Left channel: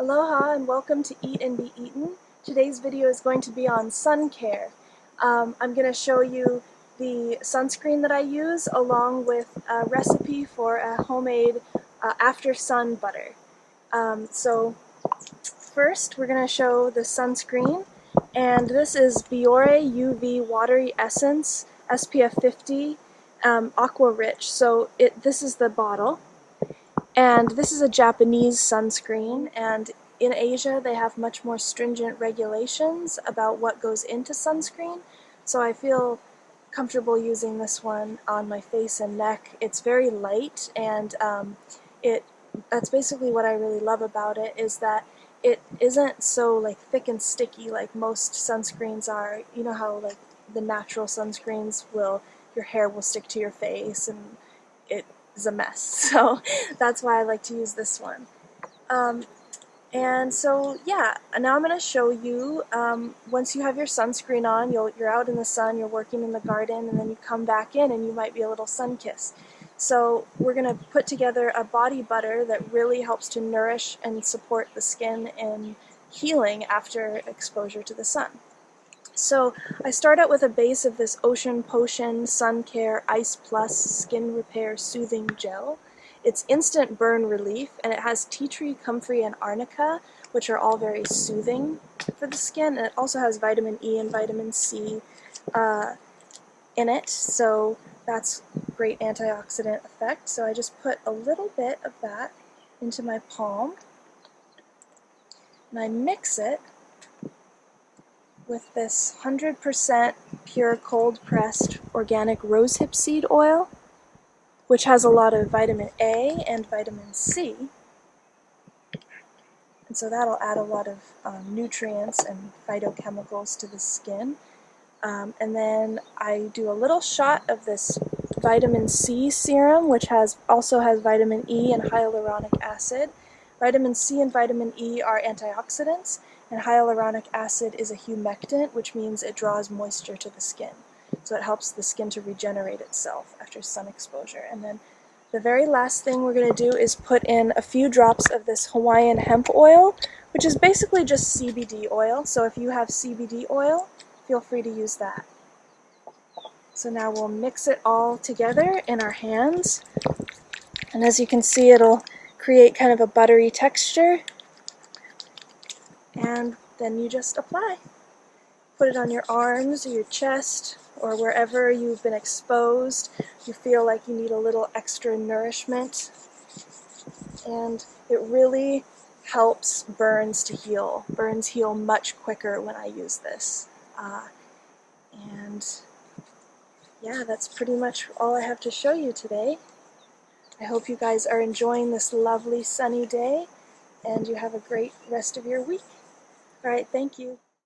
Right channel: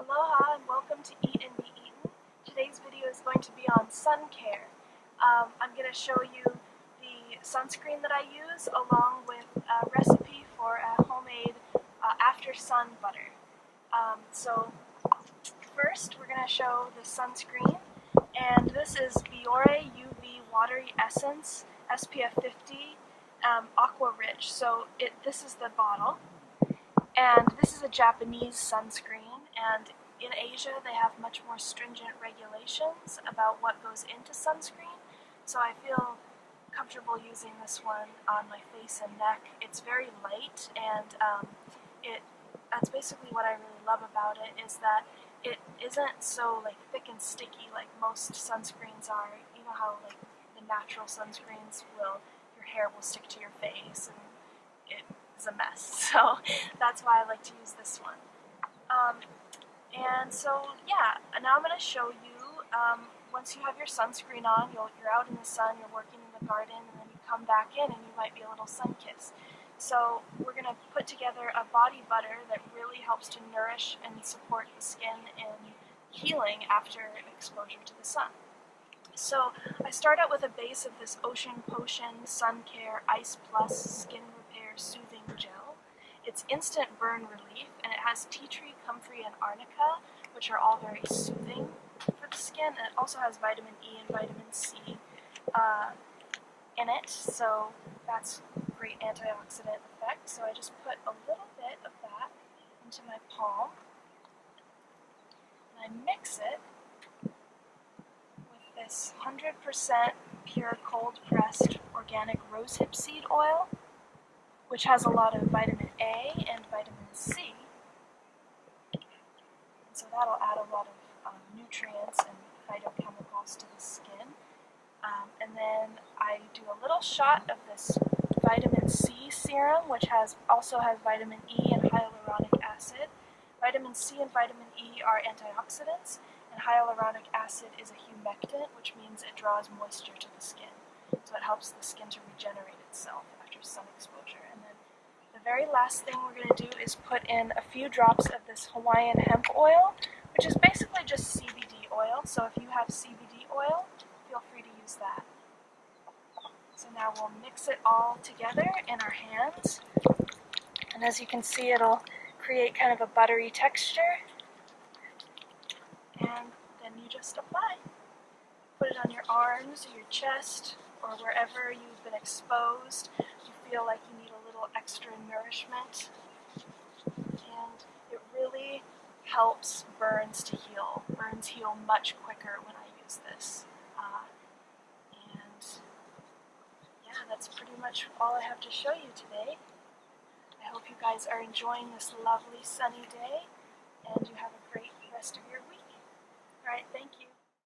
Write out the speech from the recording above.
Aloha and welcome to Eat and Be Eaten. Today's video is going to be on sun care. I'm going to show you the sunscreen that I use along with a recipe for a homemade after sun butter. So first we're going to show the sunscreen, and this is Biore UV Watery Essence SPF 50 Aqua Rich. So this is the bottle. And this is a Japanese sunscreen, and in Asia they have much more stringent regulations about what goes into sunscreen, so I feel comfortable using this one on my face and neck. It's very light, and that's basically what I really love about it, is that it isn't so like thick and sticky like most sunscreens are. You know how like the natural sunscreens your hair will stick to your face and it is a mess. So that's why I like to use this one. And so yeah, now I'm going to show you, once you have your sunscreen on, you're out in the sun, you're working in the garden, and then you come back in and you might be a little sun-kissed. So we're going to put together a body butter that really helps to nourish and support the skin in healing after exposure to the sun. So I start out with a base of this Ocean Potion Sun Care Ice Plus Skin Repair Soothing Gel. It's instant burn relief, and it has tea tree, comfrey, and arnica, which are all very soothing for the skin. And it also has vitamin E and vitamin C in it, so that's great antioxidant effect. So I just put a little bit of that into my palm, and I mix it with this 100% pure cold-pressed organic rosehip seed oil, which has a lot of vitamin A and vitamin C. And so that'll add a lot of nutrients and phytochemicals to the skin. And then I do a little shot of this vitamin C serum, which also has vitamin E and hyaluronic acid. Vitamin C and vitamin E are antioxidants, and hyaluronic acid is a humectant, which means it draws moisture to the skin. So it helps the skin to regenerate itself after sun exposure. And then the very last thing we're going to do is put in a few drops of this Hawaiian hemp oil, which is basically just CBD oil. So if you have CBD oil, feel free to use that. So now we'll mix it all together in our hands. And as you can see, it'll create kind of a buttery texture. And then you just apply. Put it on your arms or your chest or wherever you've been exposed. You feel like you need a little extra nourishment. And it really helps burns to heal. Burns heal much quicker when I use this. And yeah, that's pretty much all I have to show you today. I hope you guys are enjoying this lovely sunny day, and you have a great rest of your week. All right, thank you.